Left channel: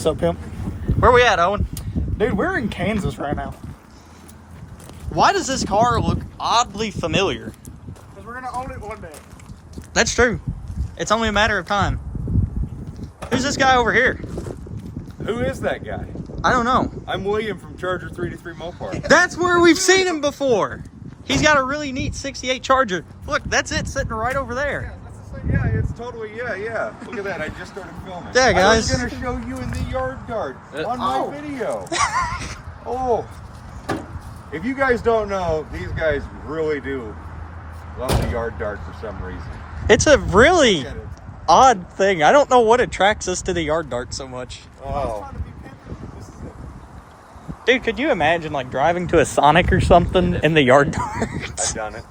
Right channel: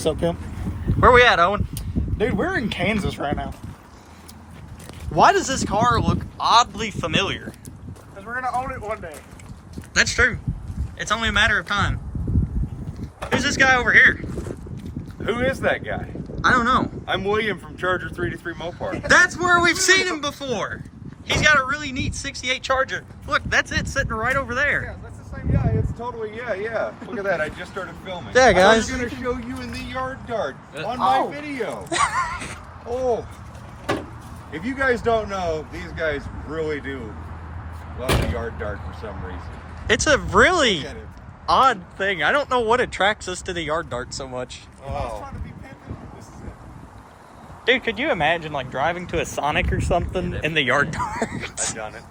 What's up, pimp? Where we at, Owen? Dude, we're in Kansas right now. Why does this car look oddly familiar? Because we're going to own it one day. That's true. It's only a matter of time. Who's this guy over here? Who is that guy? I don't know. I'm William from Charger 323 Mopar. That's where we've seen him before. He's got a really neat 68 Charger. Look, that's it sitting right over there. Yeah, that's the same. Yeah, it's totally, yeah. Look at that, I just started filming. Yeah, guys. I was gonna show you in the yard dart on my video. Oh. If you guys don't know, these guys really do love the yard dart for some reason. It's a really Look at it. odd thing. I don't know what attracts us to the yard dart so much. If I was trying to be pimping, this is it. Dude, could you imagine like driving to a Sonic or something in the yard dart? I've done it.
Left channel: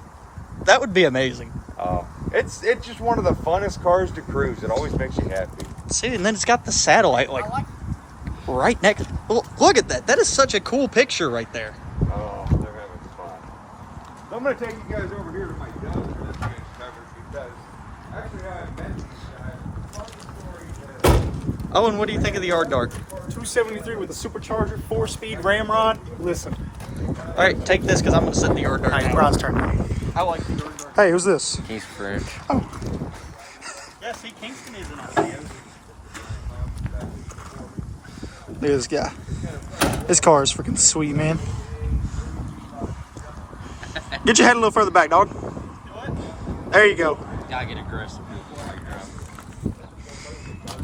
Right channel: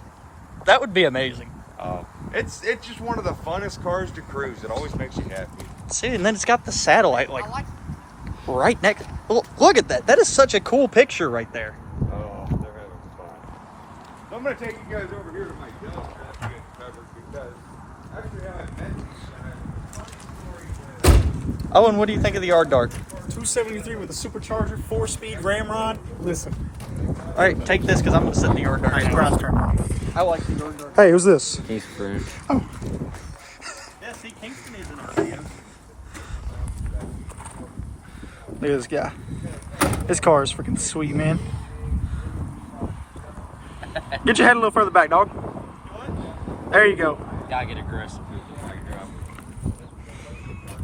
That would be amazing. Oh, it's just one of the funnest cars to cruise. It always makes you happy. See, and then it's got the satellite I like like right next. Look at that. That is such a cool picture right there. Oh, they're having fun. So I'm going to take you guys over here to my dome for this man's cover because actually I have been. Owen, what do you think of the yard dart? 273 with a supercharger, 4-speed ramrod. Listen. All right, take this because I'm going to sit in the yard dart. Alright, now. Ron's turn. I like the yard dart. Hey, who's this? He's French. Yeah, see, Kingston is in our videos. Look at this guy. This car is freaking sweet, man. Get your head a little further back, dog. There you go. Gotta get aggressive.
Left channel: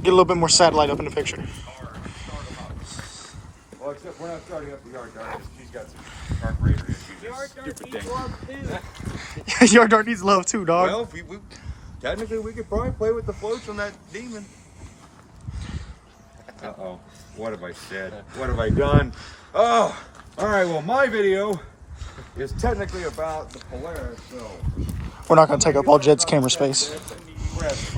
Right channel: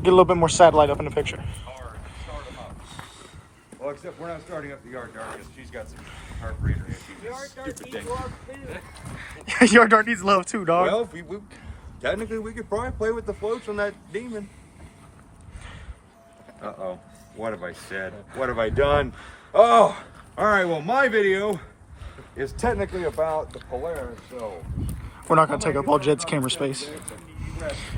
Get a little bit more satellite up in the picture. Well, except we're not starting up the yard dart because she's got some carburetor issues. Stupid thing. Yard dart needs love too, dog. Well, technically we could probably play with the floats on that demon. Uh-oh. What have I said? What have I done? Oh! Alright, well my video is technically about the Polaris, so... We're not going to take up all Jed's camera space.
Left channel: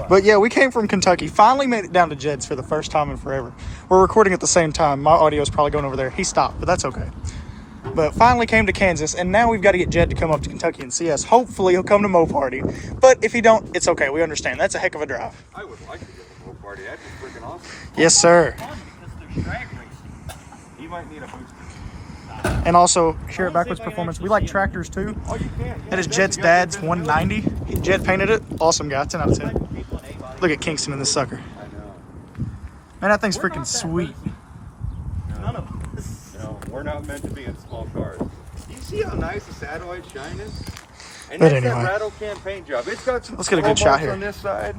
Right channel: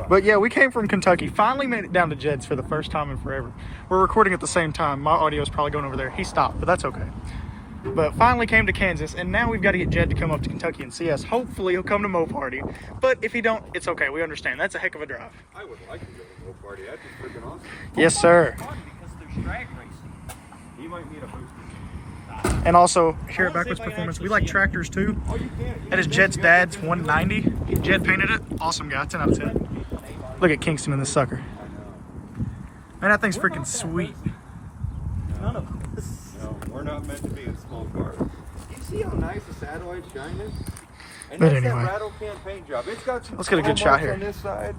But yeah, we came from Kentucky. Finally made it down to Jed's for the first time in forever. We're recording at the same time. My audio is probably going over there. He stopped, but that's okay. But finally came to Kansas, and now we've got to get Jed to come up to Kentucky and see us. Hopefully he'll come to Mo Party. But if he don't, it's okay. We understand. That's a heck of a drive. I would like to go to Mo Party. That'd be freaking awesome. Yes, sir. Fun because there's drag racing. You might need a booster. And also, here at Backwards Performance, we like tractors too. Oh, you can. That is Jed's dad's 190. Jed painted it. Awesome guy. 10 out of 10. Look at Kingston in this sucker. I know. Man, that thing's freaking sweet. No, we're not meant to be in small cars. You see how nice the satellite shine is? And But it's anyway. that rattle can paint job. It's got some Let's get a good small shot marks here. on this side.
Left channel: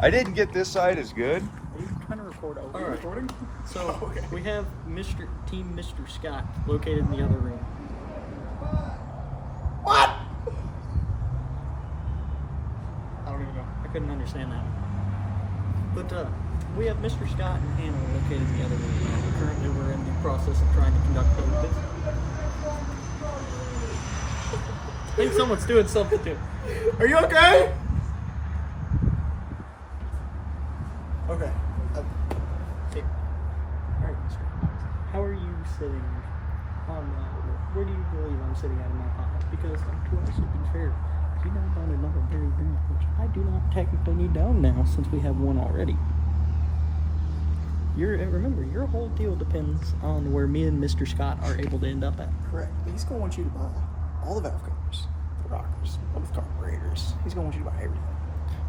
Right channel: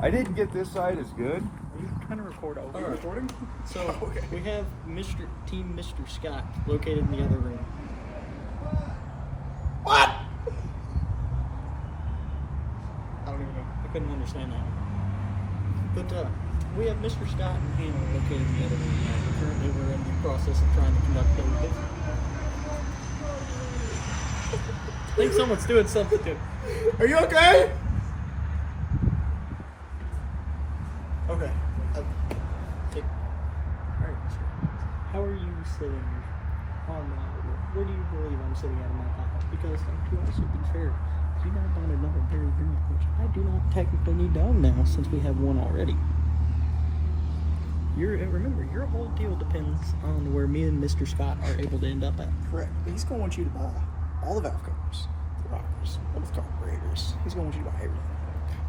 I didn't get this side as good. You kind of record over. Are you recording? So we have Team Mr. Scott located in the other room. What? I don't even know. I couldn't understand that. But we have Mr. Scott and Hannah located in the other room now. Currently, we're in the process of trying to conduct the business. I think someone's doing something too. Are you okay? Okay. Hey. All right, Mr. How are you sitting on where do you believe I'm sitting at in my pile? Because to also be fair, you now bought another Barry Grant, which I do not technically need to own now since we have one already. Remember, your whole deal depends on where me and Mr. Scott are able to end up at. Correct. He's going to want you to buy all the valve covers, the rockers, both carburetors. He's going to want you to buy everything.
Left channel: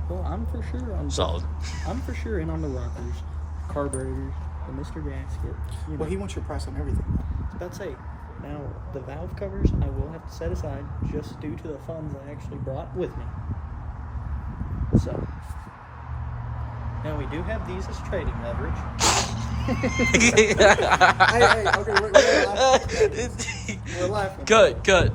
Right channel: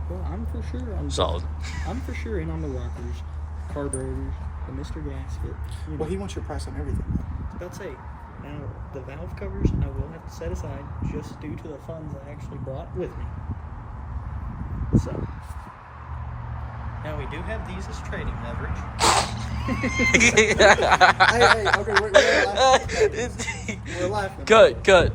Well, I'm for sure on Solid. I'm for sure in on the rockers, carburetors, the Mr. Gasket. You know. Well, he wants your price on everything. I was about to say, now the valve covers I will have to set aside just due to the funds I actually brought with me. So, now we do have these as trading leverage. Hey, okay, we're laughing. Good.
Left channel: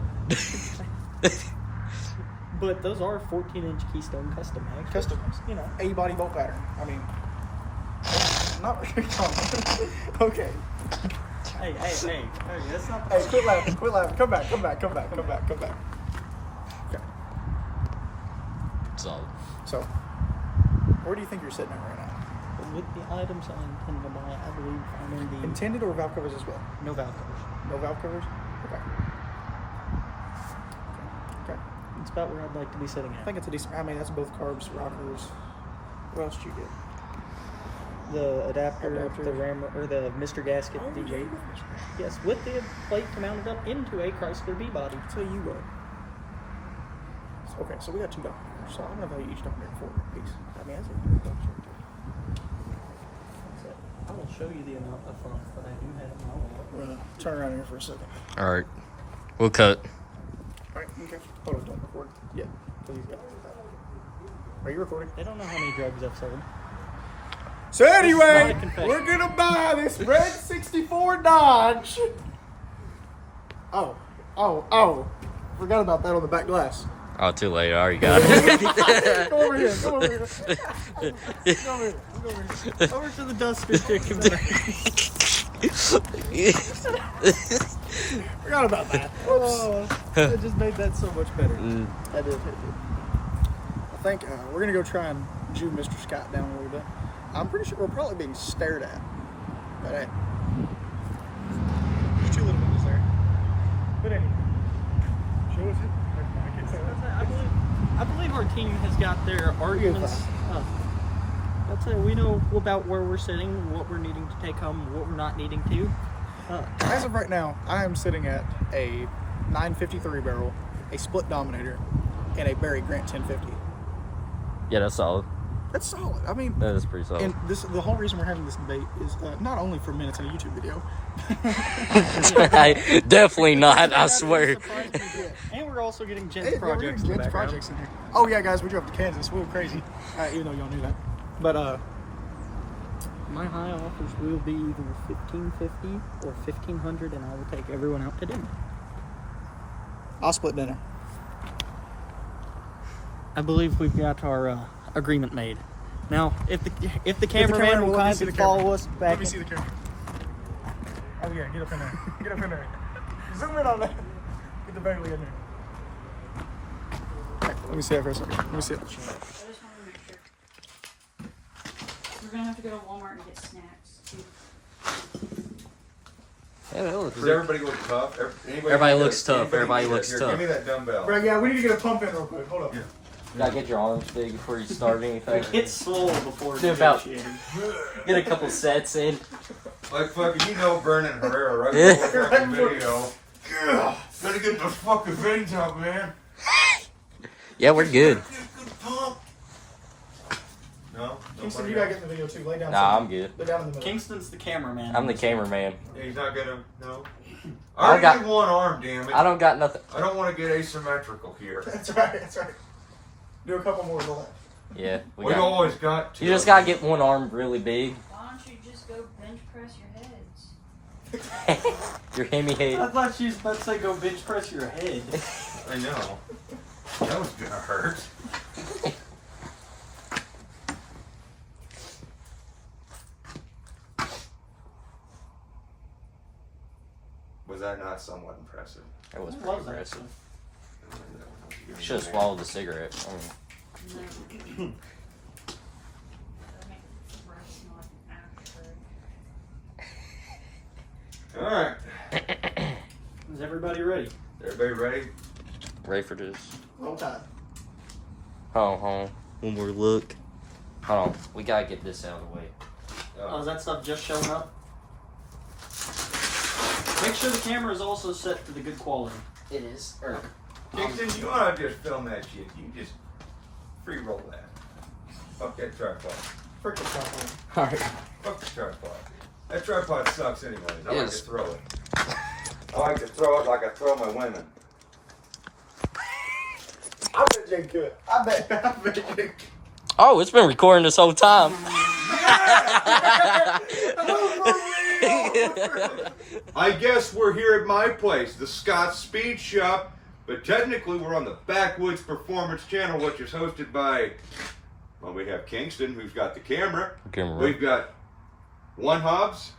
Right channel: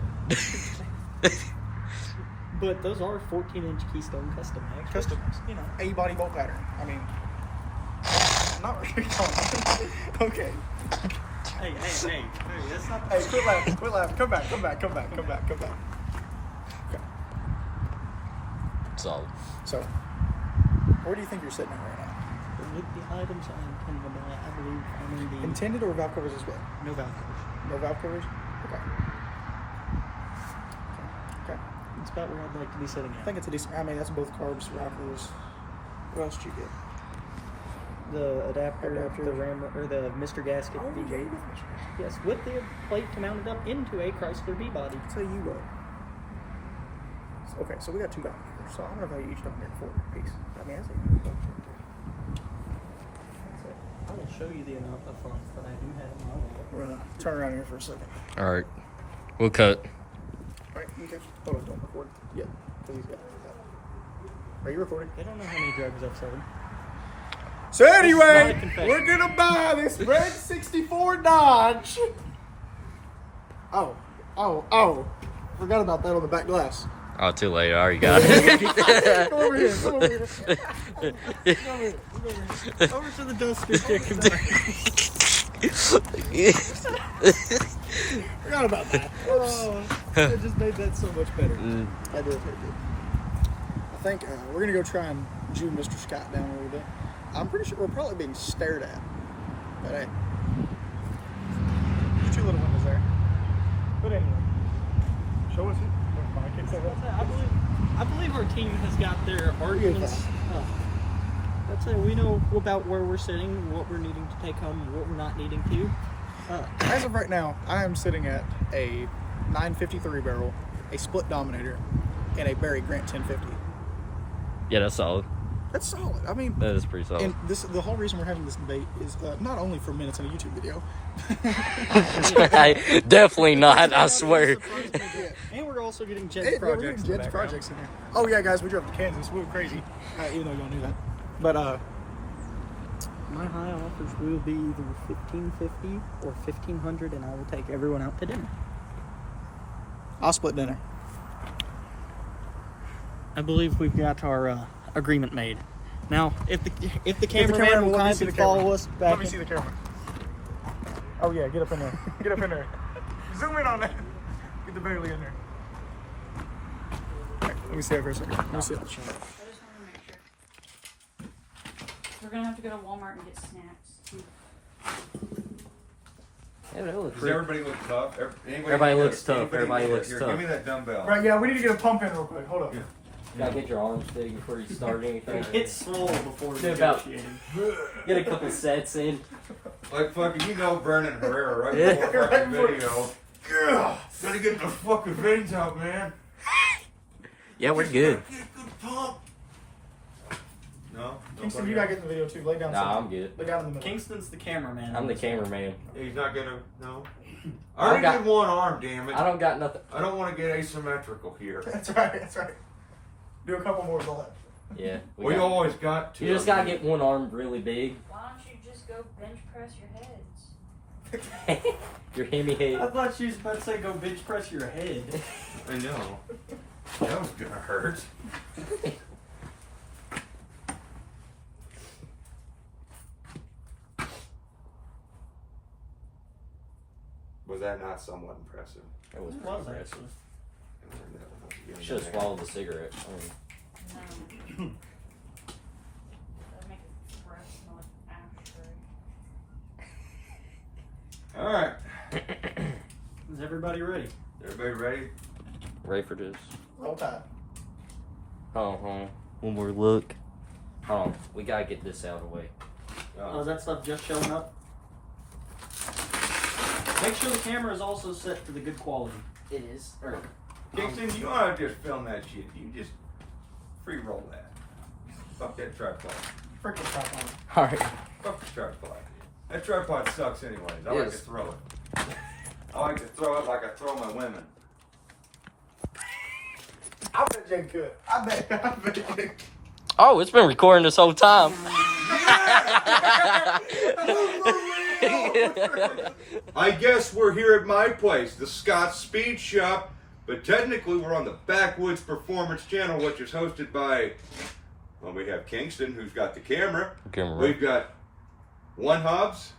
But those are 14-inch Keystone Custom Max. Customs, you know, A-body bolt pattern. I mean, not really. Okay. Hey, that's not Hey, quit laughing. Come back. Okay. Solid. So, where do you think you're sitting at right now? with the items I intend to buy. I believe I'm in the Intended or valve covers as well? no valve covers. No valve covers? Okay. It's about where I'd like to be sitting I at. think it's a decent. I mean, that's both carbs, rockers. What else did you get? the adapter, the ram, or the Mr. Gasket V8. Yes, with the plate mounted up into a Chrysler B-body. Tell you what. Okay, so we got $2 here. So I'm gonna value each dog at $4 piece. I mean, that's a good dog right there. That's it. I will show you the amount of funds that I do have in my wallet. We're gonna turn around here for a second. All right, we'll cut. All right, okay. Hold on, don't record. Yeah, please. Yeah. Are you recording? They don't know how many drugs I've sold. So This is anyway, not a confession. we're gonna buy this red '64 Dodge. Oh! Forgot about that on the back glass. Oh, too late. I already got it. Come over here. Come over here. Come over here. Come over here. Over to the duster chicken. Forgot about that. Whoops. It just made that so much better. I did. I think we're gonna go try and Jew Mr. Scott down a little bit. I'm pretty sure we're probably being stared at. But hey. There's two little boys there. But hey. Show us. I believe our team has got their arguments up. That's it. We know about where we're sitting, what we're needing to take home, what we're not needing to. As of right now, I am sitting at a 953 barrel, a split Dominator, and a Barry Grant 1050. Yeah, that's solid. That's solid. I mean, That is pretty solid. and the whole reason we're having this debate is not only for minutes in a YouTube video. Definitely not. I swear. And we're also getting Jen's Hey, yeah, we're projects. getting Jed's projects in here. Oh yeah, guys, we drove to Kansas. We were crazy, even though y'all knew that. But My high offers will be either 1550 or 1500, and I will take everyone out to dinner. I'll split dinner. I believe we've got our agreement made. Now, if the cameraman will let me see kindly the camera. follow us back. Let me see the camera. Oh yeah, get up in there. Get up in there. Zoom in on that. Get the Bailey in there. Let me see it for a second. Let me see it. I just want to make sure. We're gonna have to go to Walmart and get snacks. Yeah, that looks Does pretty- everybody look tough? Everybody looks tough. Everybody looks Here, tough. Give me that dumbbell. Right, yeah, we need to get a pump in real quick. Hold up. Yeah. Gotta get your arms big before you start anything. Get swole before Do about- negotiating. Get a couple sets in. Like fucking, you know, Vernon Herrera right before fucking video. Yeah, gotta get the fucking veins out, man. Yeah, we're good. Good pump. No. Kingston, Nobody you gotta else? get in the video too. Lay down. Nah, something. I'm good. Lay down in the middle. Kingston's the cameraman. I'm the cameraman. He's not gonna. No. I I already got- did one arm, damn it. I don't got nothing. I don't want to get asymmetrical here. That's right. That's right. Do a couple more with the left. Yeah. We always got to. You just gotta get one arm really big. Why don't you just go bench press your heads? Your hammy I head. thought she was about to say go bench press your head. I know. That was gonna hurt. Was that not somewhat impressive? That was What pretty was that? impressive. You Should have swallowed the cigarette. That makes the rice not accurate. All right. Is everybody ready? Everybody ready? Ready for this? Roll Tide. Hold on. One more look. Hold on. We gotta get this out of the way. Oh, is that stuff just showing up? Make sure the camera is also set to the good quality. It is. Kingston, you want to just film that shit? You just free roll that. Fuck that tripod. Freaking tripod. Alright. Fuck the tripod. That tripod sucks anyways. I like to Yes. throw it. I like to throw it like I throw my women. I bet Jake could. I bet Jake could. Oh, it's been recording this whole time. I guess we're here at my place, the Scott Speed Shop, but technically we're on the Backwoods Performance Channel, which is hosted by, well, we have Kingston, who's got the camera. We've got one Hobbs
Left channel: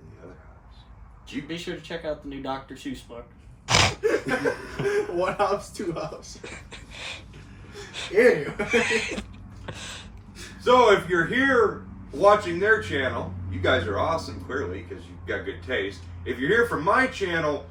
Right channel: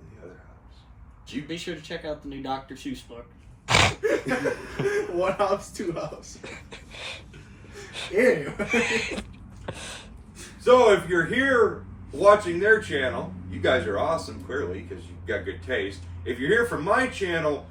and the other Hobbs. Be sure to check out the new Dr. Seuss book. One house, two house. Ew. So if you're here watching their channel, you guys are awesome, clearly, because you've got good taste. If you're here from my channel,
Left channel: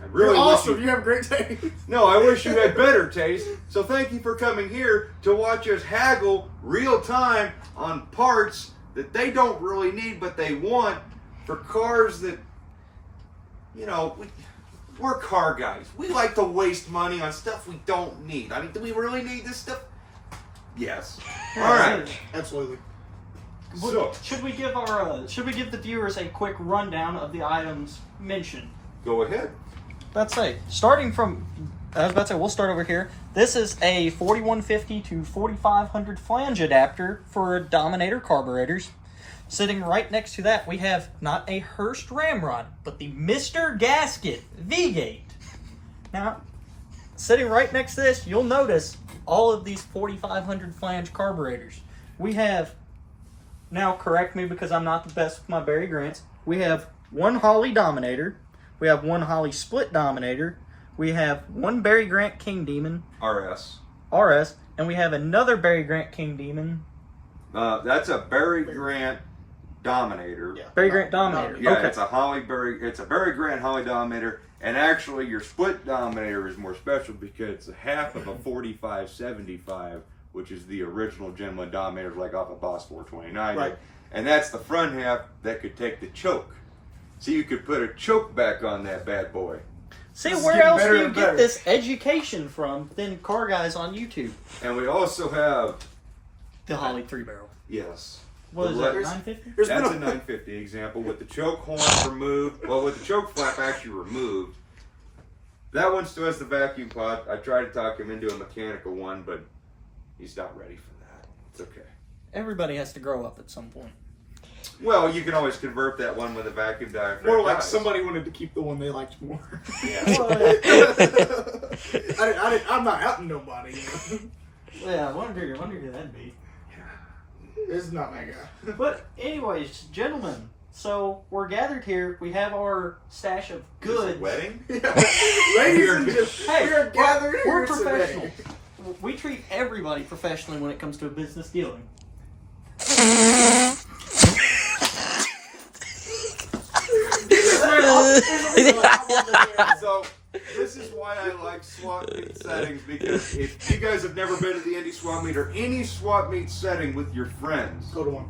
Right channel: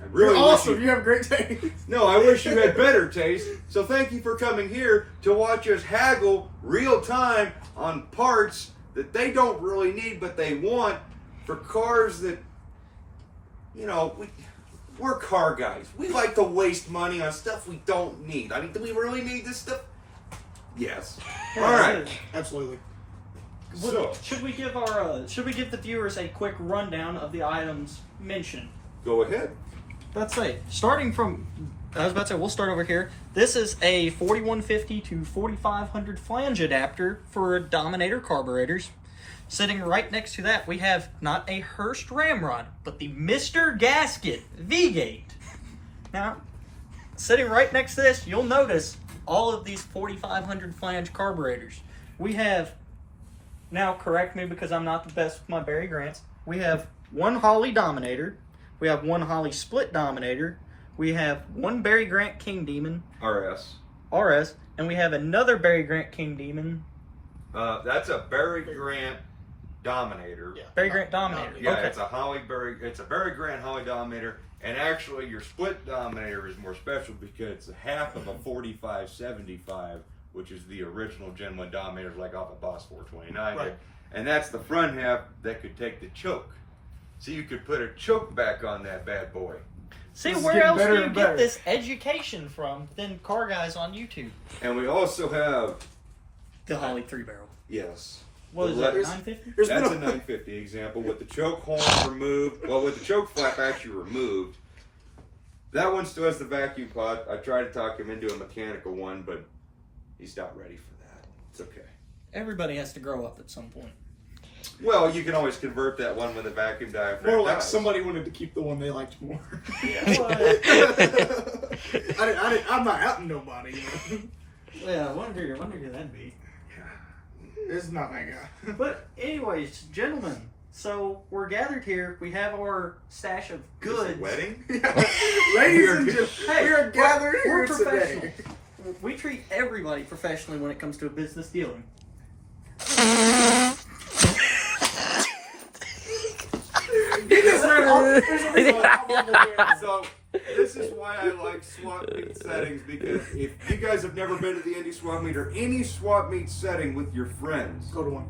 I really You're wish awesome. You have great taste. No, I wish you had better taste. So thank you for coming here to watch us haggle real time on parts that they don't really need but they want for cars that, you know, we're car guys. We like to waste money on stuff we don't need. I mean, do we really need this stuff? Yes. All right. Absolutely. So, Should we give the viewers a quick rundown of the items mentioned? go ahead. Let's say, starting from, I was about to say, we'll start over here. This is a 4150 to 4500 flange adapter for Dominator carburetors. Sitting right next to that, we have not a Hurst Ramrod, but the Mr. Gasket V-Gate. Now, sitting right next to this, you'll notice all of these 4500 flange carburetors. We have, now correct me because I'm not the best with my Barry Grants, we have one Holley Dominator, we have one Holley Split Dominator, we have one Barry Grant King Demon RS. RS, and we have another Barry Grant King Demon. That's a Barry Grant Dominator. Yeah. Barry Grant Dominator. Yeah, Okay. it's a Barry Grant Holly Dominator, and actually your split Dominator is more special because it's a half of a 4575, which is the original Gen 1 Dominator, like off a Boss 429. Right. And that's the front half that could take the choke. So you could put a choke back on that bad boy. See, This is where getting else better do you and get better. this education from than car guys on YouTube? And we also have, The Holley 3-barrel. yes. What is the that, letters- 950? There's That's a been 950 example with the choke horn removed. Well, with the choke flap actually removed. That one still has the vacuum pod. I tried to talk him into a mechanical one, but he's not ready for that. It's okay. Everybody has to grow up at some point. Well, you can always convert that one with a vacuum diaphragm. more like tires. somebody wanted to keep the one they liked more. Yeah. I'm not outing nobody. You know? Yeah, I wonder who that'd be. This is not that guy. But anyways, gentlemen, so we're gathered here. We have our stash of Is this a goods. wedding? Ladies and gentlemen, Hey, we are gathered we're here today. professional. We treat everybody professionally when it comes to a business dealing. So this is why I like swap meet settings, because if you guys have never been to the Indy swap meet or any swap meet setting with your friends, Go to one.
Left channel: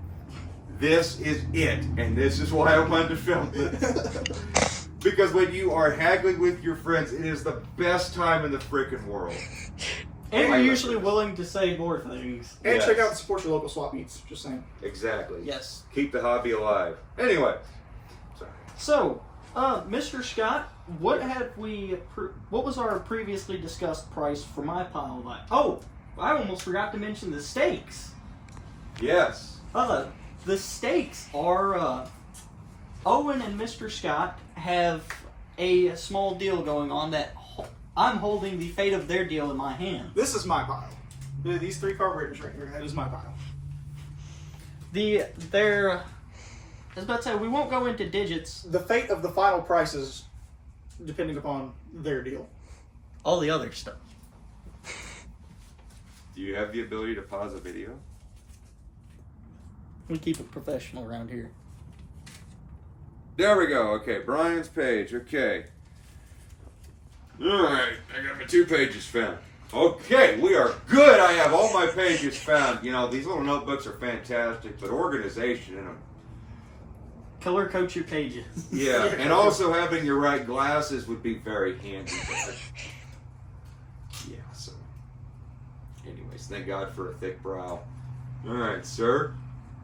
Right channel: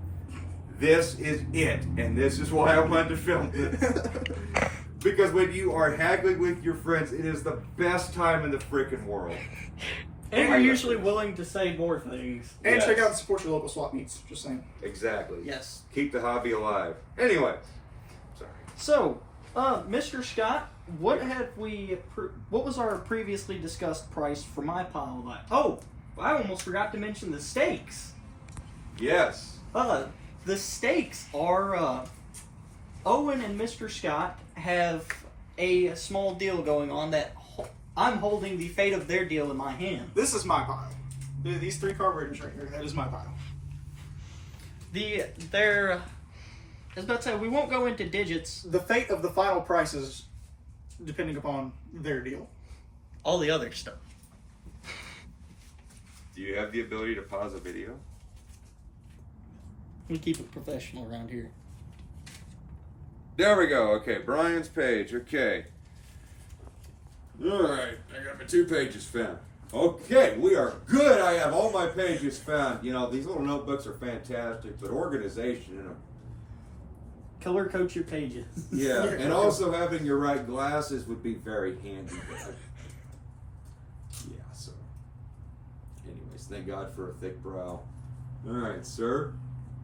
this is it, and this is why I wanted to film this. Because when you are haggling with your friends, it is the best time in the freaking world. And I you're like usually this. willing to say more things. And Yes. check out and support your local swap meets. Just saying. Exactly. Yes. Keep the hobby alive. Anyway, sorry. So, Mr. Scott, what was our previously discussed price for my pile of items? Oh, I almost forgot to mention the steaks. Yes. The steaks are, Owen and Mr. Scott have a small deal going on that I'm holding the fate of their deal in my hand. This is my pile. These three carburetors right here. That is my pile. I was about to say, we won't go into digits. The fate of the final prices, depending upon their deal. All the other stuff. Do you have the ability to pause a video? We keep it professional around here. There we go. Okay, Brian's page. Okay. All right, I got my 2 pages found. Okay, we are good. I have all my pages found. You know, these little notebooks are fantastic, but organization in them. Color code your pages. Yeah, and also having your right glasses would be very handy. Yeah, so. Anyways, thank God for a thick brow. All right, sir.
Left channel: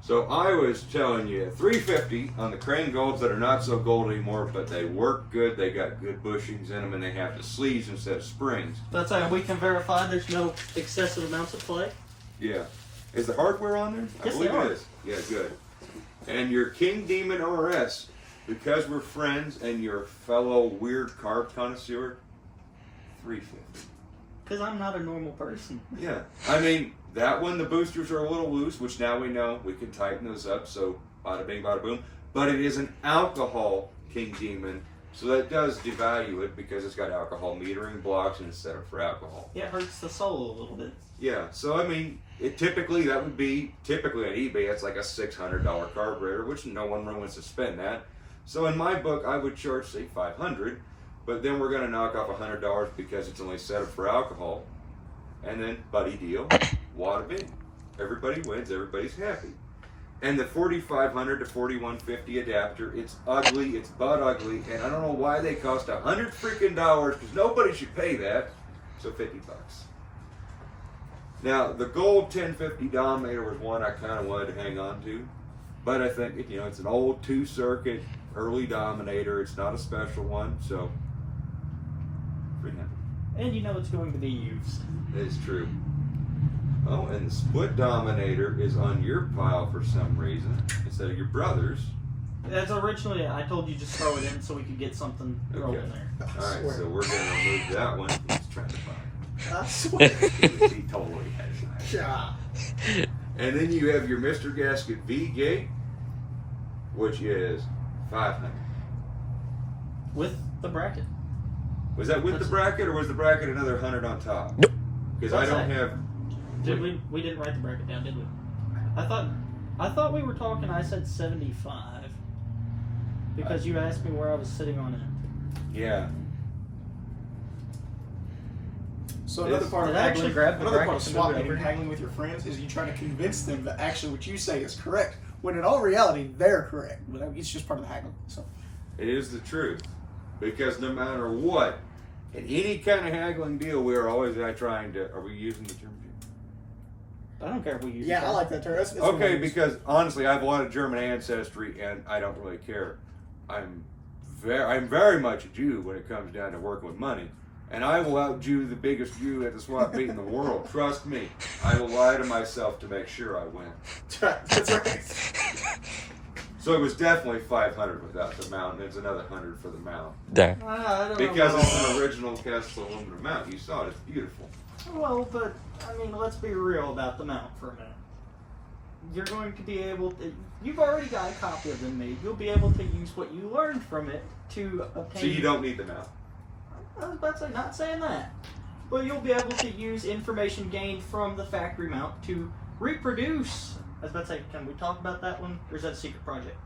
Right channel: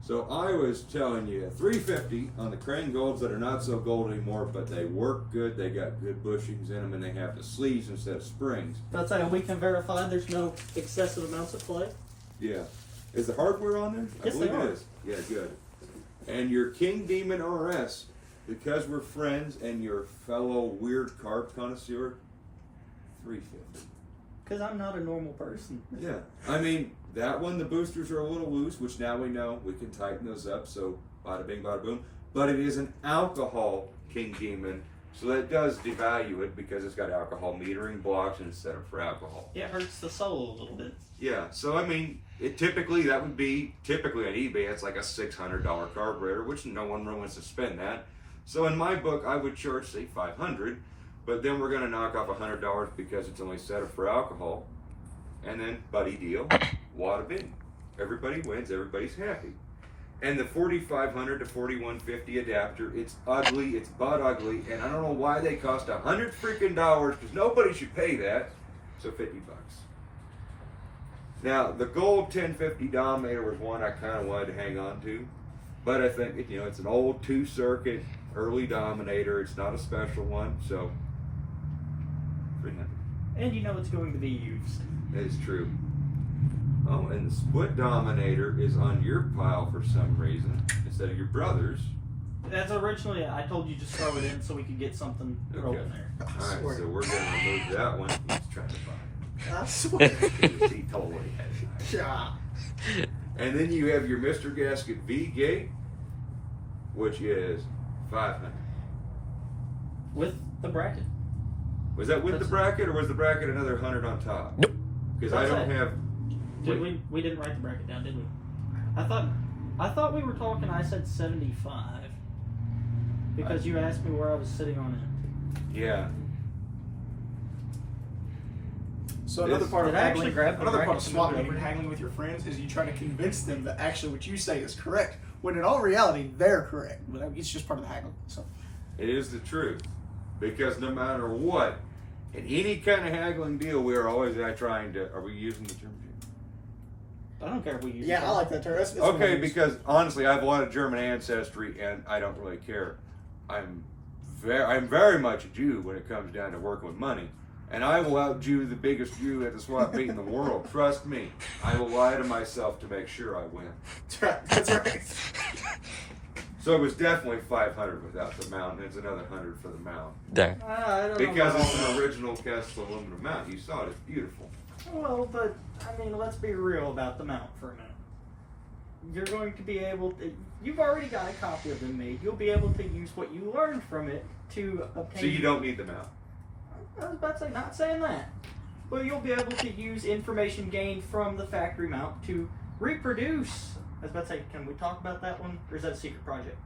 So I was telling you, 350 on the Crane Golds that are not so gold anymore, but they work good. They got good bushings in them, and they have the sleeves instead of springs. That's how we can verify there's no excessive amounts of play. Yeah. Is the hardware on there? I Yes, believe they are. it is. Yeah, good. And your King Demon RS, because we're friends and your fellow weird carb connoisseur, 350. Because I'm not a normal person. Yeah. I mean, that one, the boosters are a little loose, which now we know we can tighten those up, so bada bing, bada boom. But it is an alcohol King Demon, so that does devalue it because it's got alcohol metering blocks instead of for alcohol. It hurts the soul a little bit. Yeah, so I mean, that would be typically on eBay, it's like a $600 carburetor, which no one really wants to spend that. So in my book, I would charge, say, $500. but then we're gonna knock off $100 because it's only set up for alcohol, and then buddy deal, wada bing. Everybody wins, everybody's happy. And the 4500 to 4150 adapter, it's ugly, it's butt ugly, and I don't know why they cost $100 freaking dollars, because nobody should pay that. So $50. Now the gold 1050 Dominator was one I kind of wanted to hang on to, but I think it's an old 2-circuit early Dominator. It's not a special one, so $300. And it's going to be used. That is true. Oh, and the split Dominator is on your pile for some reason instead of your brother's. That's originally, I told you just throw it in so we could get something thrown in there. All right, so we're going to remove that one. He's trying to buy I swear. it. He totally has it. God. And then you have your Mr. Gasket V-Gate, which is $500. With the bracket. Was that with the bracket, or was the bracket another $100 on top? Nope. Because I What's don't that? have. Did we didn't write the bracket down, did we? I thought we were talking. I said 75 because you asked me where I was sitting on it. Yeah. So This- another part of Did I actually haggling, grab the another part brackets of and swap move it meeting, over? haggling with your friends, is you try to convince them that actually what you say is correct, when in all reality they're correct. But it's just part of the haggling. So It is the truth. Because no matter what, in any kind of haggling deal, we are always trying to. Are we using the term? I don't care if we use. yeah, it. I like that term. That's what I Okay, use. because honestly, I have a lot of German ancestry, and I don't really care. I'm very much a Jew when it comes down to working with money, and I will out-Jew the biggest Jew at the swap meet in the world. Trust me, I will lie to myself to make sure I win. That's right. So it was definitely 500 without the mount, and it's another 100 for the mount There. I don't because know. it's an original cast aluminum mount. You saw it; it's beautiful. Well, but I mean, let's be real about the mount for a minute. You're going to be able to. You've already got a copy of them made. You'll be able to use what you learned from it to obtain. So you don't need the mount. I was about to say, not saying that, but you'll be able to use information gained from the factory mount to reproduce. I was about to say, can we talk about that one, or is that a secret project?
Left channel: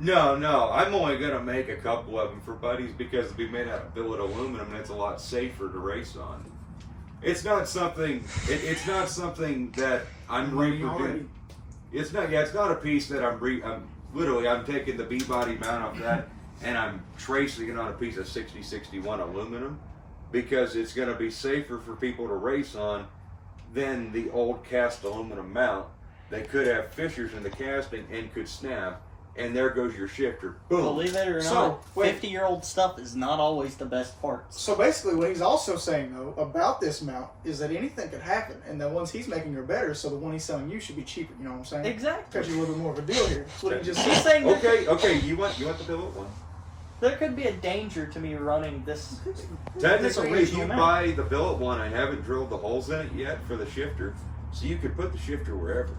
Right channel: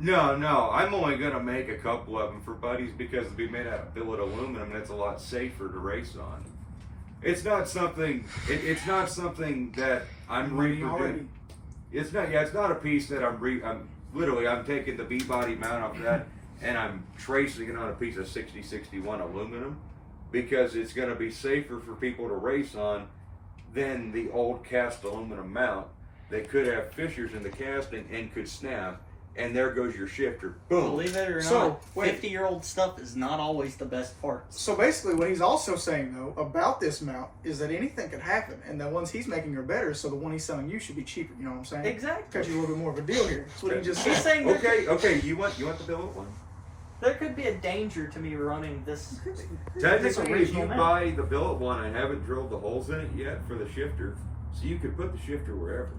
No, I'm only gonna make a couple of them for buddies because it'll be made out of billet aluminum, and it's a lot safer to race on. It's not something. It's not something that I'm Money reproducing. already. It's not. Yeah, it's not a piece that I'm taking the B-body mount off that and I'm tracing it on a piece of 6061 aluminum because it's going to be safer for people to race on than the old cast aluminum mount. They could have fissures in the casting and could snap, and there goes your shifter. Boom. Believe it or So, not, wait. 50-year-old stuff is not always the best parts. So basically, what he's also saying though about this mount is that anything could happen, and the ones he's making are better. So the one he's selling you should be cheaper. You know what I'm saying? Exactly. Because you're a little bit more of a deal here. That's what he just He's said. saying that Okay. You want the billet one? there could be a danger to me running this. Technically, if you original mount. buy the billet one, I haven't drilled the holes in it yet for the shifter, so you could put the shifter wherever.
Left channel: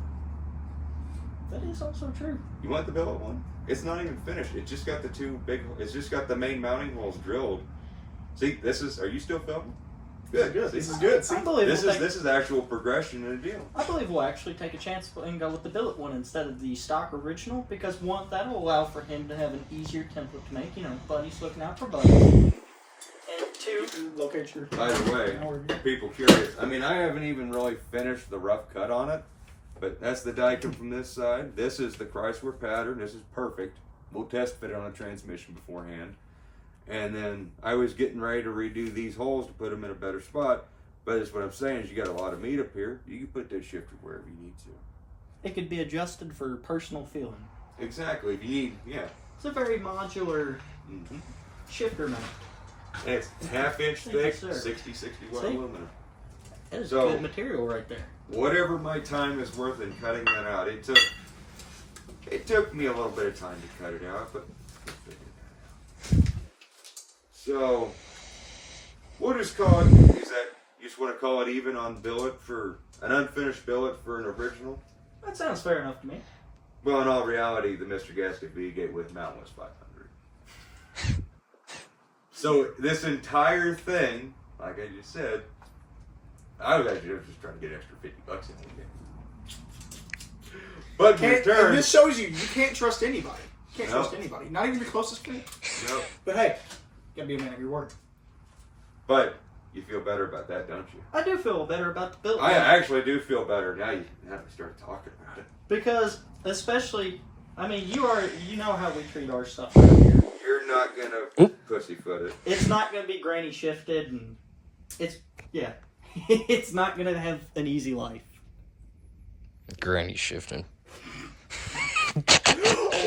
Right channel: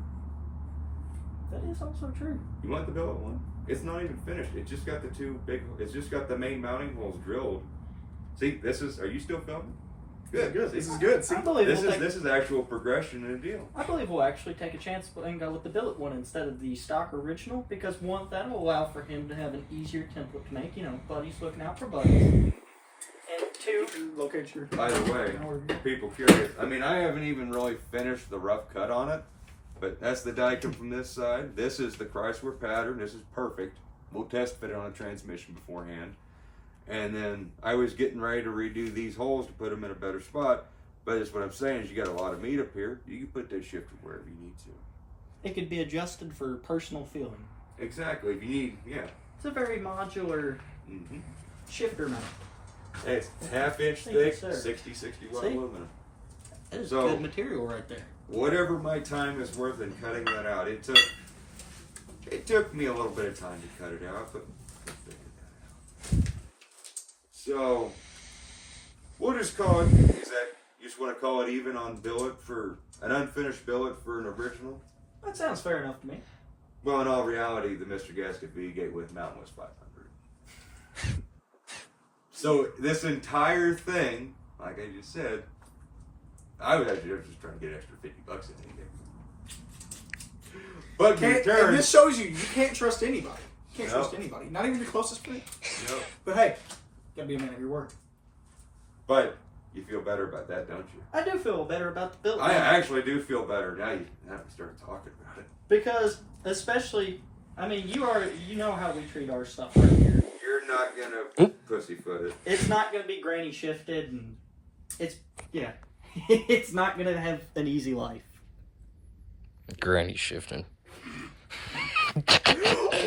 That is also true. You want the billet one? It's not even finished. It's just got the two big. It's just got the main mounting holes drilled. See, this is. Are you still filming? Good. Good. This is good. See, I believe This is actual progression in a deal. I believe we'll actually take a chance and go with the billet one instead of the stock original because one, that'll allow for him to have an easier template to make. You know, Buddy's looking out for Buddy. And two, locate your. By the way, people curious. I mean, I haven't even really finished the rough cut on it, but that's the Daikin from this side. This is the Chrysler pattern. This is perfect. We'll test fit it on a transmission beforehand. And then I was getting ready to redo these holes to put them in a better spot. But that's what I'm saying is you got a lot of meat up here. You can put that shifter wherever you need to. it could be adjusted for personal feeling. Exactly. If you need, yeah. It's a very modular Mm-hmm. shifter mount. And it's half-inch Thank you, thick, sir. 60/61 See? aluminum. That is So- good material right there. Whatever my time is worth in cutting that out, it took me a little bit of time to cut it out, but I figured that out. So we'll just call it. Is that you just want to call it even on billet for an unfinished billet for an original? That sounds fair enough to me. Well, in all reality, the Mr. Gasket V-Gate with mount was $500. So this entire thing, like I just said, I was just trying to get extra $50 in it. But in And return, this shows you can't trust anybody. You can't No. trust anybody. Not even your closest friend. no, But hey, you gotta be a man of your word. But you feel better about that, don't you? I do feel better about the build. I actually do feel better now. You start talking about it. Because, especially, I mean, you know how we treat our stuff around here. You're not gonna pussyfoot it. It's not going to be granny shifted, and it's not going to have an easy life. Granny shifting.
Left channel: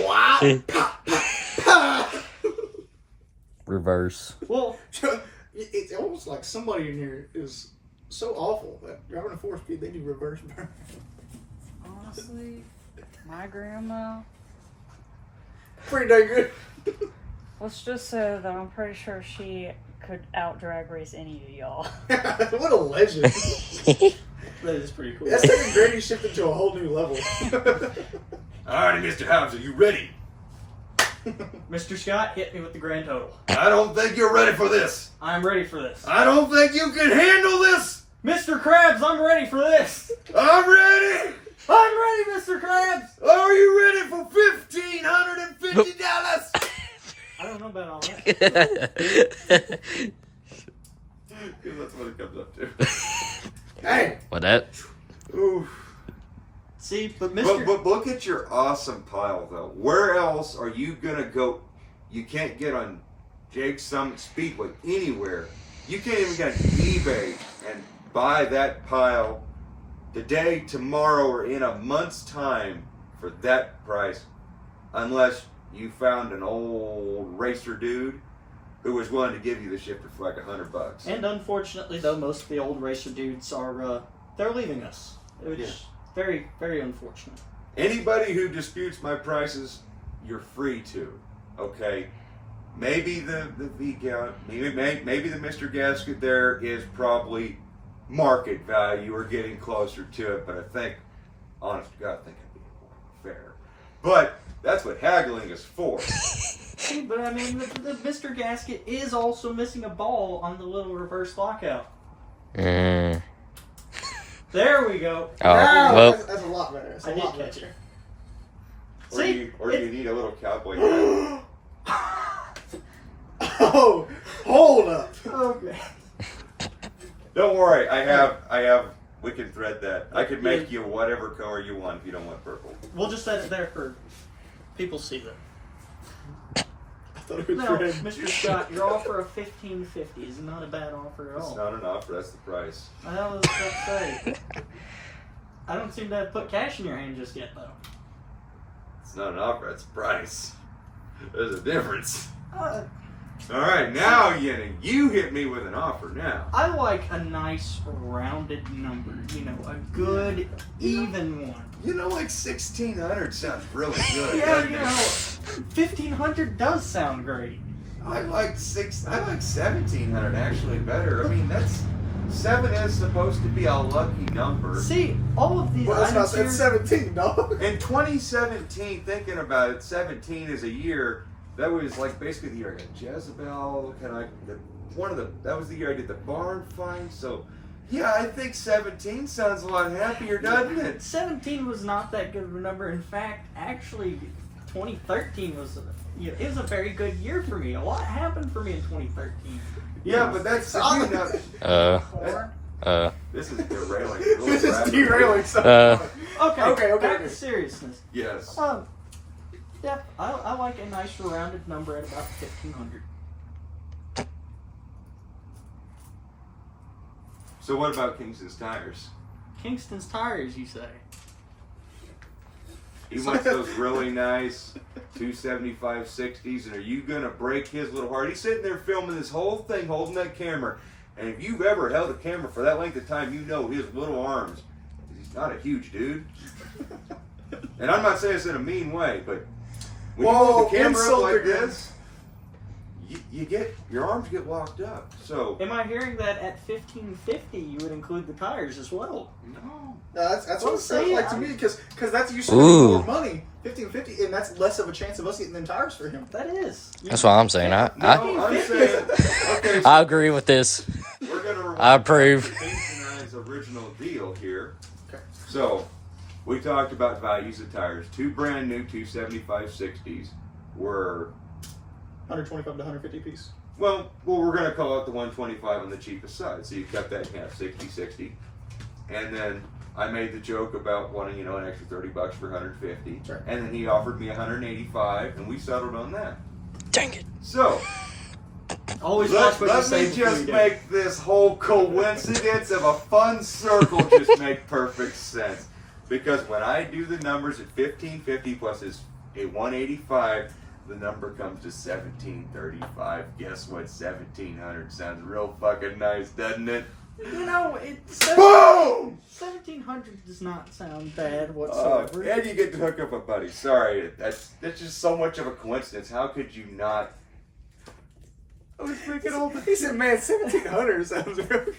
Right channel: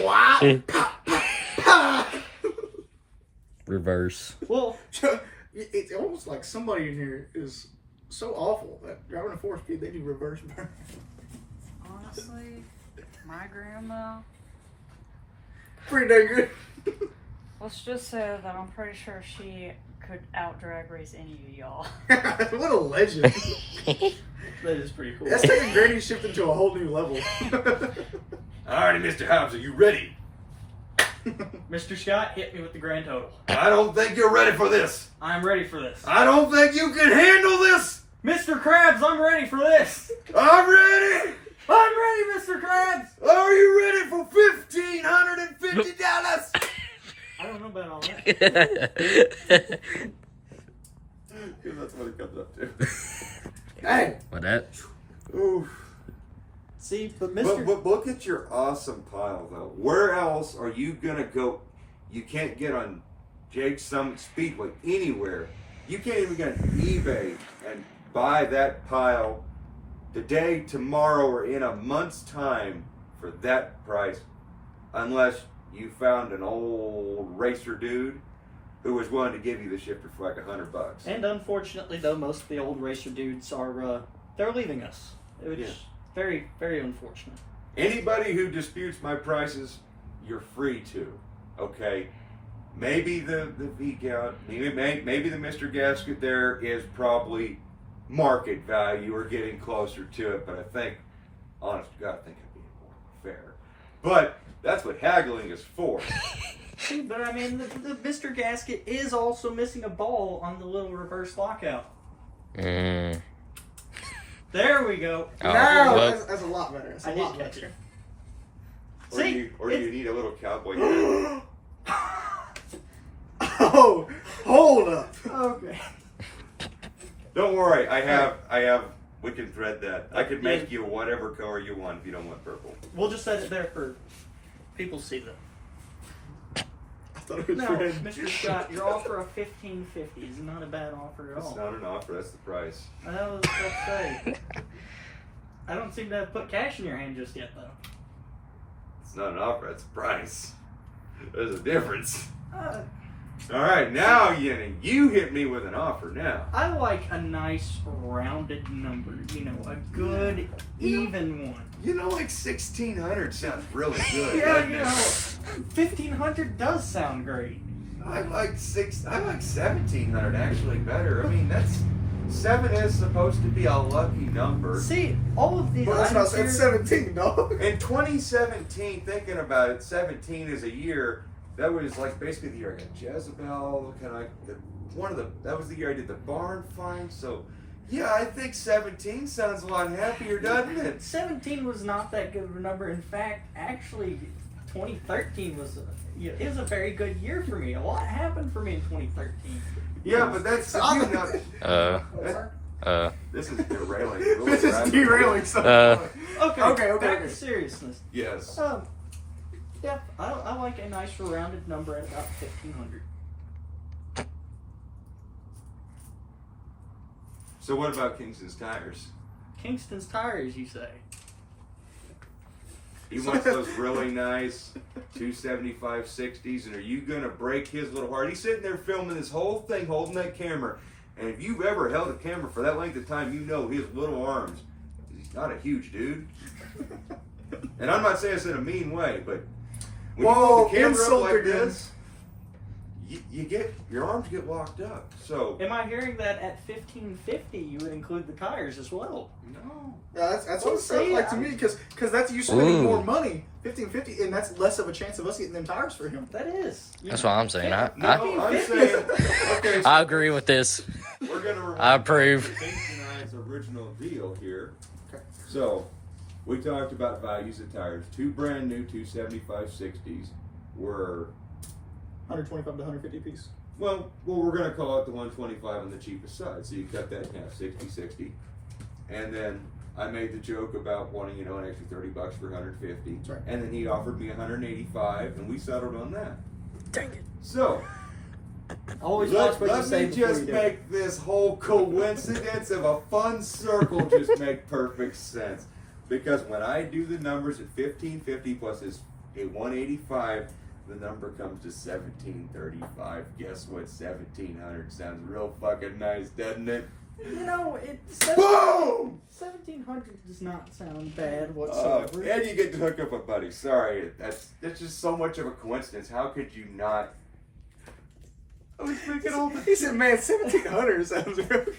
Wow. Reverse. Well, It's almost like somebody in here is so awful that driving a 4-speed, they do reverse burn. Honestly, my grandma. Pretty dang good. Let's just say that I'm pretty sure she could out drag race any of y'all. What a legend. that is pretty cool. That's taking Granny shifted to a whole new level. Alrighty, Mr. Hobbs, are you ready? Mr. Scott, hit me with the grand total. I don't think you're ready for this. I'm ready for this. I don't think you can handle this. Mr. Krabs, I'm ready for this. I'm ready. I'm ready, Mr. Krabs. Are you ready for $1,550? I don't know about all that. Because that's what it comes up to. Hey. What that? Oof. See, but Mr. But look at your awesome pile, though. Where else are you going to go? You can't get on Jake's Summit Speedway anywhere. You can't even get on eBay and buy that pile today, tomorrow, or in a month's time for that price, unless you found an old racer dude who was willing to give you the shifter for like $100. And unfortunately, though, most of the old racer dudes are, they're leaving us. Which is very, very unfortunate. Anybody who disputes my prices, you're free to. Okay? Maybe the V-Gout, maybe the Mr. Gasket there is probably market value or getting closer to it, but I think, honest to God, I think I'm being more fair. But that's what haggling is for. See, but I mean, the Mr. Gasket is also missing a ball on the little reverse lockout. Mm. There we go. Oh, well, That's a lot better. That's a I did lot catch better. it. Or See, you need a little cowboy hat. Oh, hold up. Okay. Don't worry, I have. We can thread that. I can make you whatever color you want if you don't want purple. We'll just set it there for people to see that. I thought it was No, red. Mr. Scott, your offer of $1,550 is not a bad offer at It's all. not an offer. That's the price. I know what I was about to say. I don't seem to have put cash in your hand just yet, though. It's not an offer. That's a price. There's a difference. Uh, All right, now you hit me with an offer now. I like a nice rounded number, you know, a good even one. You know, like 1,600 sounds really good. Yeah, doesn't you it? know, 1,500 does sound great. I like 1,700 actually better. I mean, that's 7 is supposed to be a lucky number. See, all of these Well, that's not, items it's here, 17, dog. In 2017, thinking about it, 17 is a year. That was like basically the year I got Jezebel. That was the year I did the barn find. So, yeah, I think 17 sounds a lot happier, doesn't it? 17 was not that good of a number. In fact, actually, 2013 was is a very good year for me. A lot happened for me in 2013. Yeah, but that's if you not. This is derailing. This is derailing something. Okay, okay. back to seriousness. Yes. Yeah, I like a nice rounded number at about 1,500. So what about Kingston's tires? Kingston's tires, you say? He wants those really nice 275 60s, and are you gonna break his little heart? He's sitting there filming this whole thing, holding that camera, and if you've ever held a camera for that length of time, you know his little arms. He's not a huge dude, and I'm not saying this in a mean way, but when you hold the camera up like this, your arms get locked up. So Am I hearing that at 1,550 you would include the tires as well? no. That's Well, what it sounds see, like to I- me, because that's you spending Ooh. more money, 1550, and that's less of a chance of us getting them tires for him. That is. that's what I'm saying. I I'm saying okay. So I agree with this. we're gonna I approve. Kingston and I's original deal here. Okay. So, we talked about values of tires. 2 brand new 275 60s were 125 to 150 piece. Well, we're going to call it the 125 on the cheapest side. So you cut that in half, 60. And then I made the joke about wanting, you know, an extra $30 for 150. That's right. And then he offered me 185, and we settled on that. Dang it. So Always let watch what you say me before just you do. make this whole coincidence of a fun circle just make perfect sense. Because when I do the numbers at 1550 plus his a 185, the number comes to 1735. Guess what? 1700 sounds real fucking nice, doesn't it? You know, it's Boom! 1700 does not sound bad And whatsoever. you get to hook up a buddy. Sorry, that's just so much of a coincidence. How could you not? I was thinking all the. He said, man, 1700 sounds real good.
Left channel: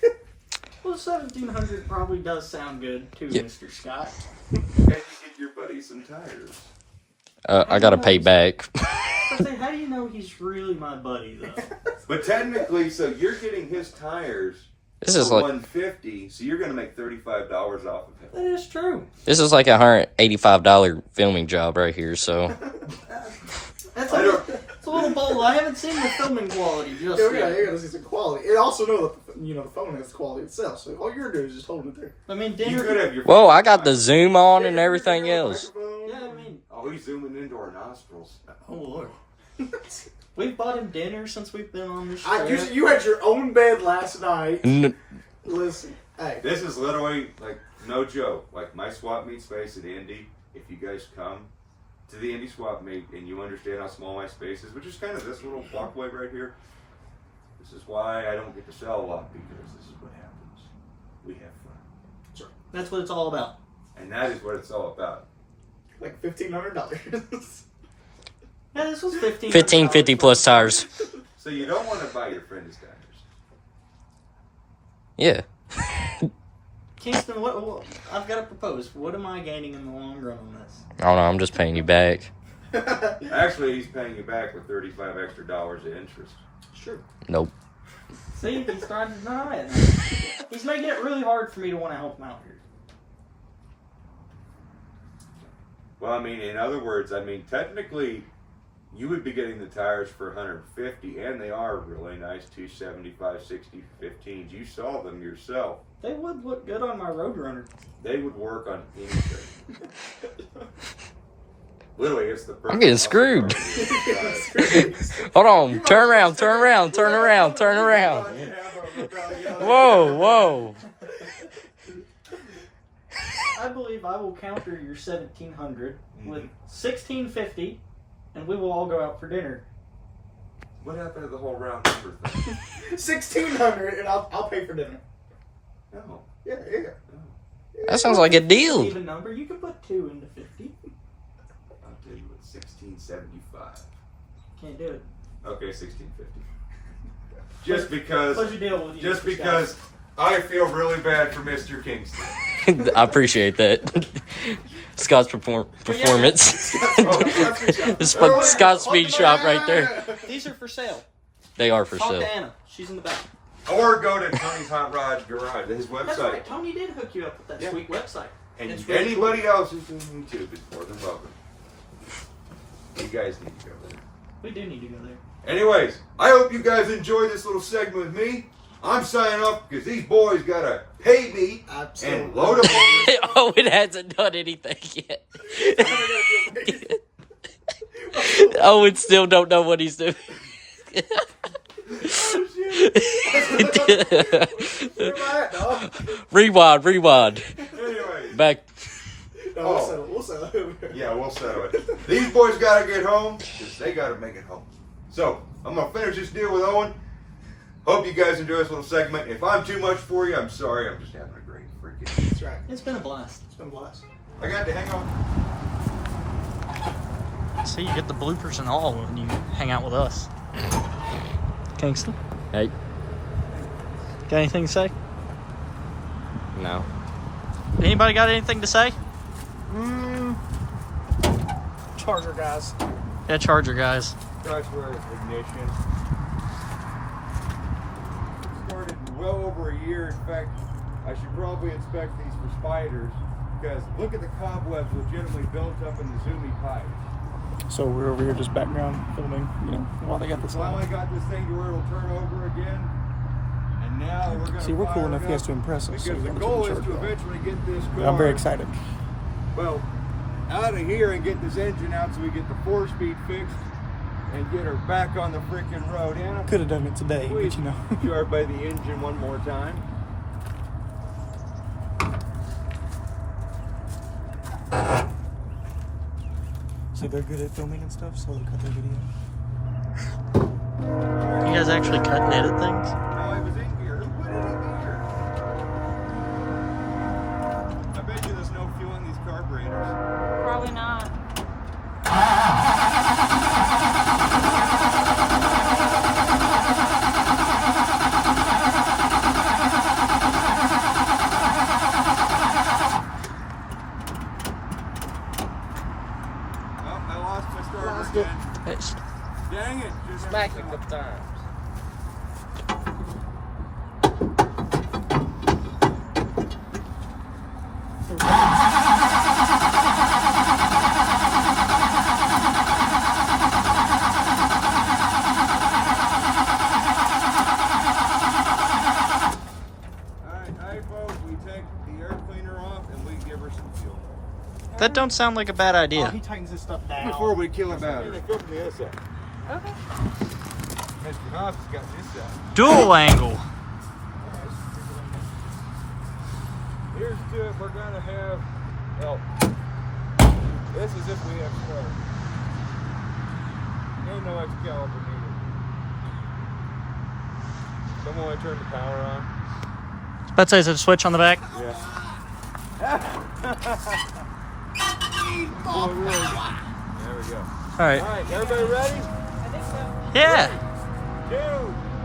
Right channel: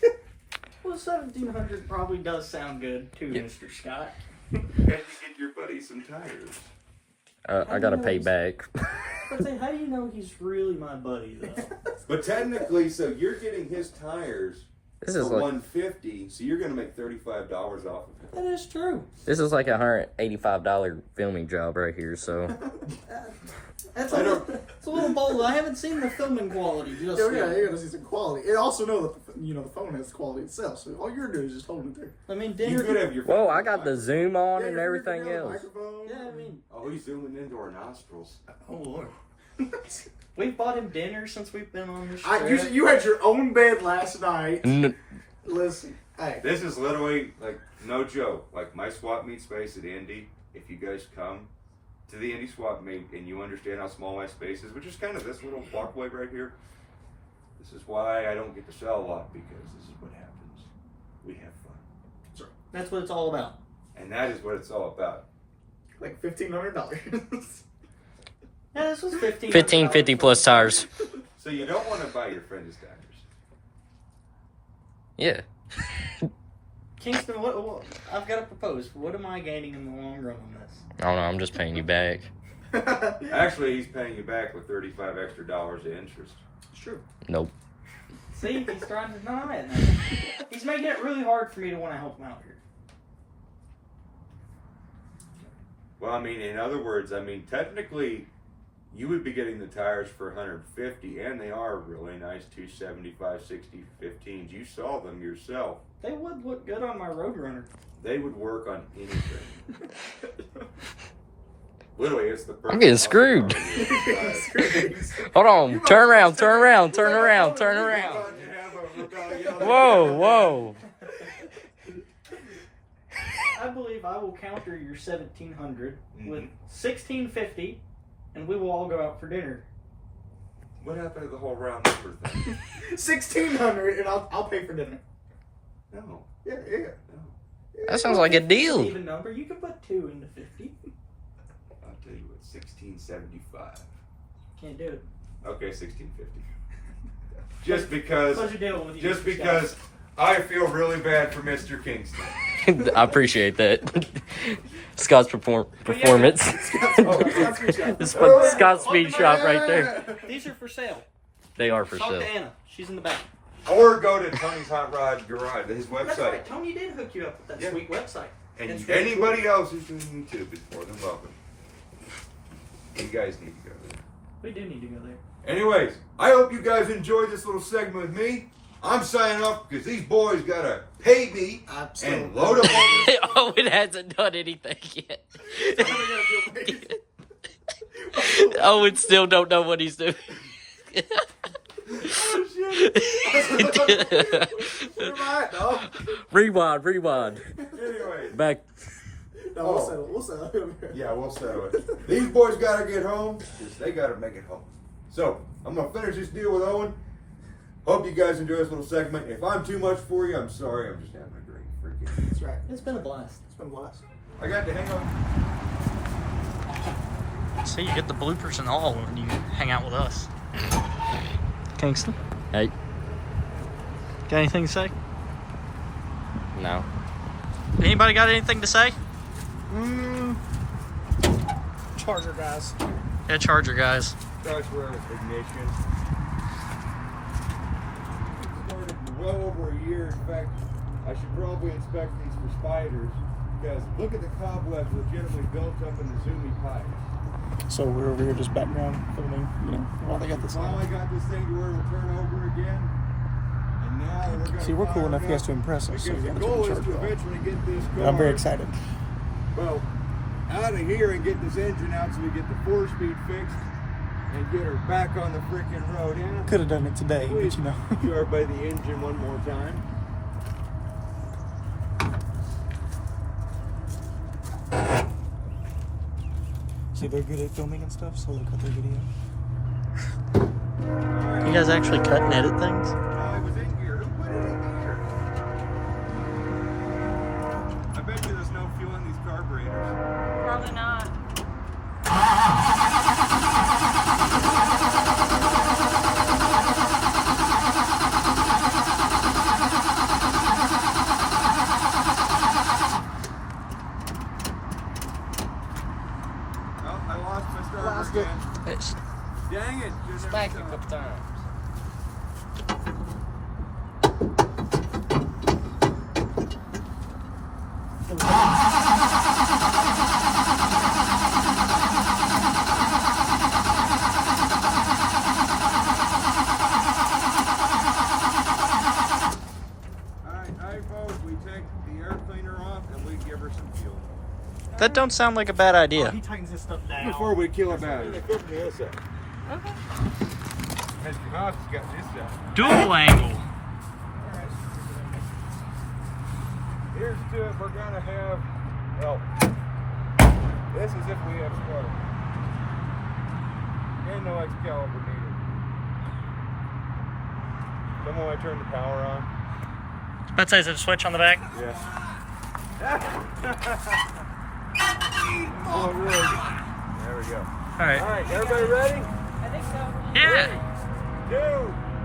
Well, 1700 probably does sound good too, Yep. Mr. Scott. And you get your buddy some tires. I gotta pay back. I say, how do you know he's really my buddy though? But technically, so you're getting his tires This is for like $150, so you're gonna make $35 off of him. That is true. $185 filming job right here. So That's I a, don't- it's a little bold. I haven't seen the filming quality just Oh, yet. yeah, you gotta see some quality. And also know that the phone has quality itself. So all you're doing is just holding it there. I mean, You dinner. could have your. whoa, I got the zoom on Yeah, and you everything got a else. microphone. Yeah, I mean, Oh, he's zooming into our nostrils. oh lord. We've bought him dinner since we've been on this show. you had your own bed last night. N- Listen, hey. This is literally like no joke. Like my swap meet space at Indy. If you guys come to the Indy swap meet and you understand how small my space is, which is kind of this little walkway right here. This is why I don't get to sell a lot, because this is what happens. We have fun, That's what it's all about. and that is what it's all about. Like $1,500. Yeah, this was 15. 1550 plus tires. So you don't want to buy your friend's tires. Yeah. Kingston, what? I've got to propose. What am I gaining in the long run on this? I don't know. I'm just paying you back. Actually, he's paying you back with $35 extra in interest. Sure. Nope. See, he's trying to deny it. He's making it really hard for me to want to help him out here. Well, I mean, in other words, I mean, technically, you would be getting the tires for 150, and they are really nice 275, 60, 15s. You saw them yourself. They would look good on my Roadrunner. They would work on anything. Literally, it's the perfect. I'm getting screwed. Hold on. Turn around. Turn around. Turn around. Turn around. Whoa. Whoa. I believe I will counter your 1700 with 1650, and we will all go out for dinner. What happened to the whole round number thing? 1,600 and I'll pay for dinner. No. Yeah. That sounds like a deal. Even number, you can put 2 into 50. I'll tell you what, 1675. Can't do it. Okay, 1650. Just because. Pleasure deal with you. Just Mr. because Scott. I feel really bad for Mr. Kingston. I appreciate that. Scott's performance. It's like Scott's speed shop right there. These are for sale. They are for Talk sale. to Anna. She's in the back. Or go to Tony's Hot Rod Garage, his That's website. right. Tony did hook you up with that Yeah. sweet website. And It's very anybody else who's doing YouTube is more than welcome. You guys need to go there. We do need to go there. Anyways, I hope you guys enjoyed this little segment with me. I'm signing off because these boys gotta pay me and load them on. Owen hasn't done anything yet. Owen still don't know what he's doing. Rewind. Anyways, Back. No, we'll settle. yeah, we'll settle it. These boys gotta get home because they gotta make it home. So, I'm gonna finish this deal with Owen. Hope you guys enjoy this little segment. If I'm too much for you, I'm sorry. I'm just having a great freaking. That's right. It's been a blast. It's been blessed. I got to hang on. See, you get the bloopers and all when you hang out with us. Kingston, Hey. got anything to say? No. Anybody got anything to say? Charger guys. Yeah, Charger guys. Starts with ignition. Started well over a year. In fact, I should probably inspect these for spiders because look at the cobwebs legitimately built up in the Zoomy pipe. So we're over here just background filming, while they got this Well, I line. got this thing to where it'll turn over again. And now we're going to See, we're cool enough, you guys, to impress us. Because so the we goal gotta is keep to the charge eventually get this car. going. I'm very excited. Well, out of here and get this engine out so we get the 4-speed fixed and get her back on the freaking road. Anna, Could have done it today, please but show everybody the engine one more time. See, they're good at filming and stuff, so they cut their video. You guys actually cut and edit things? Oh, it was in gear. Who put it in gear? I bet you there's no fuel in these carburetors. Probably not. Oh, I lost my starter again. Nice. Dang it. Just Smack it every a time. couple times. Alright, folks, we take the air cleaner off and we give her some fuel. That don't sound like a bad idea. He tightens this stuff down. Before we kill a battery. Okay. Mr. Haas has got this side. Dual angle. Here's to it. We're gonna have, well, this is if we have spark. Ain't no Excalibur needed. Someone want to turn the power on? Let's say, is it a switch on the back? Yeah. Oh, really? There we go. All right. Alright, everybody ready? Yeah. 3, 2,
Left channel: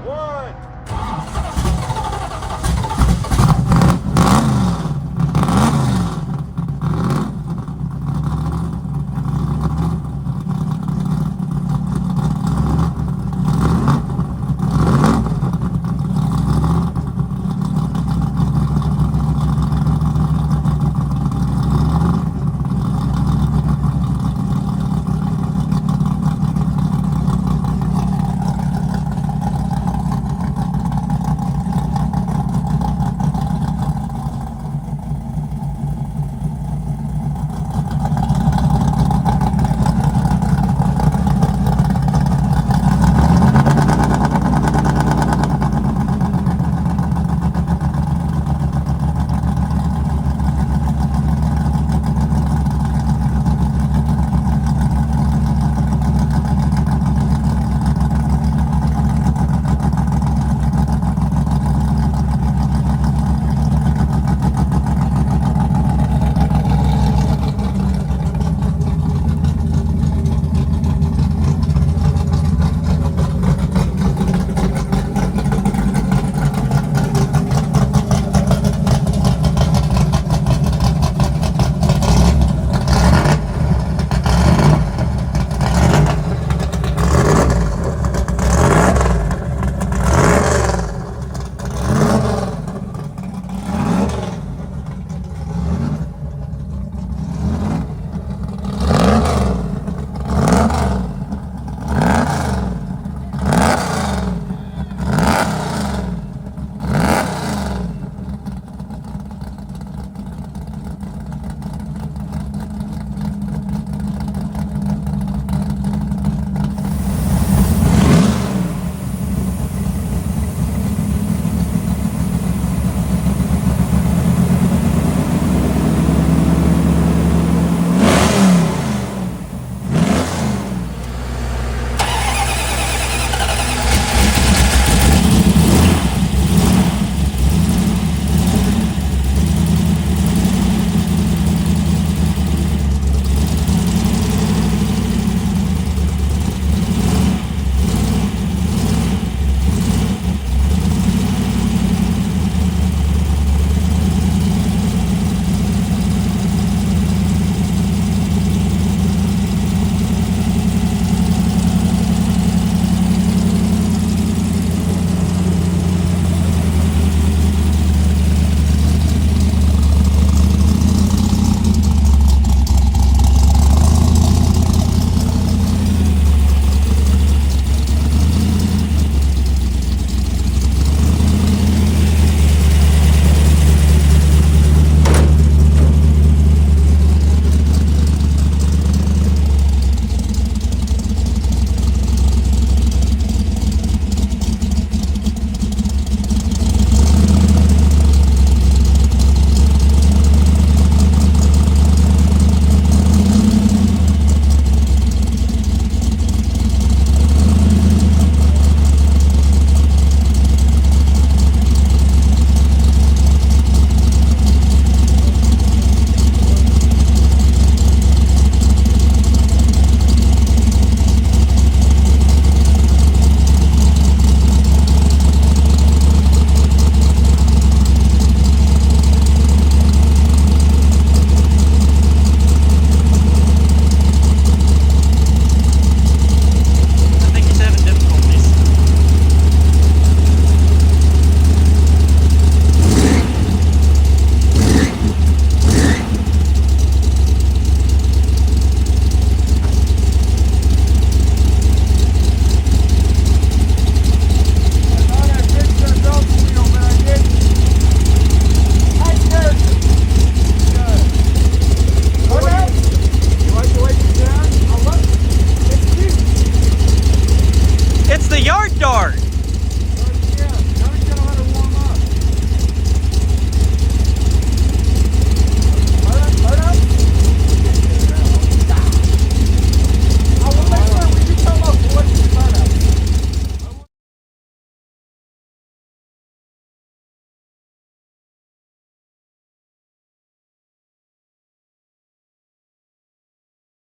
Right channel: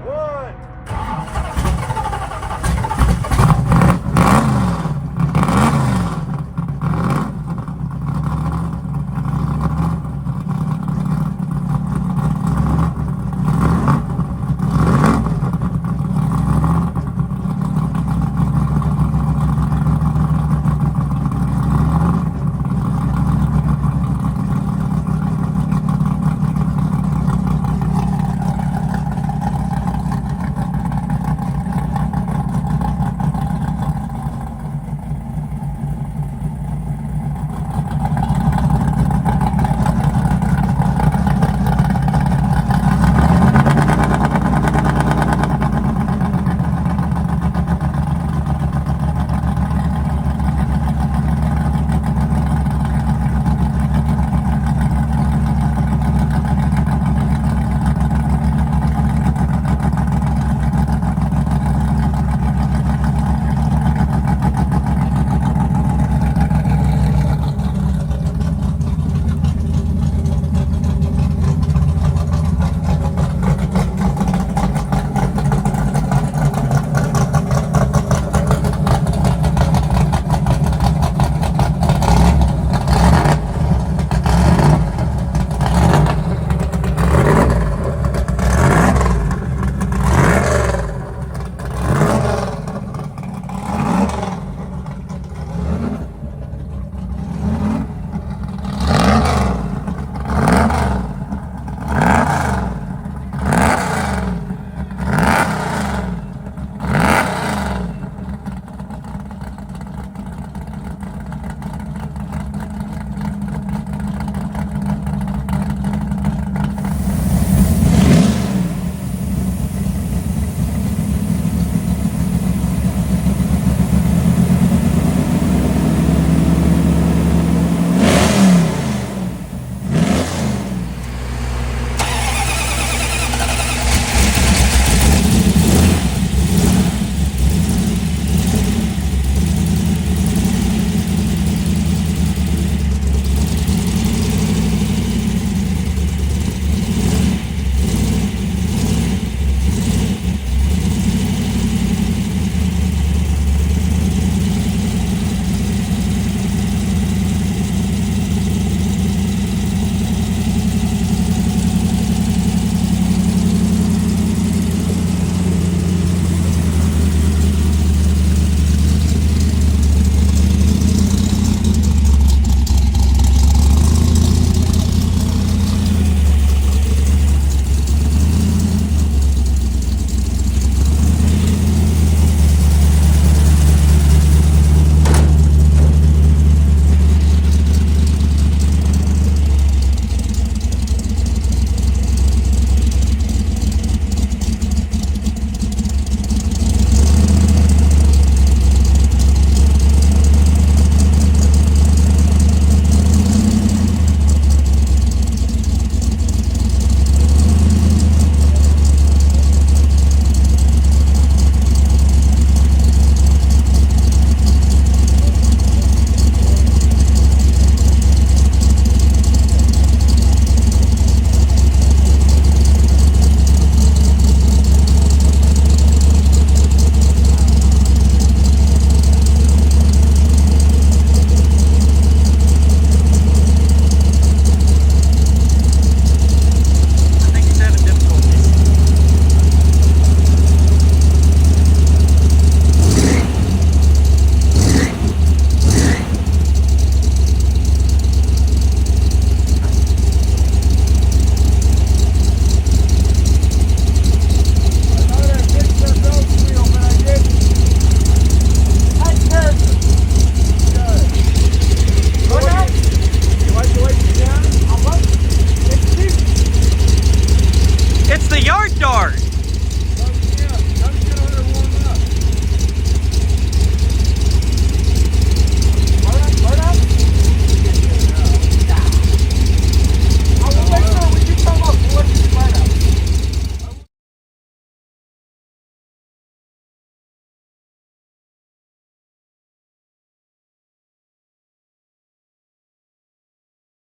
1.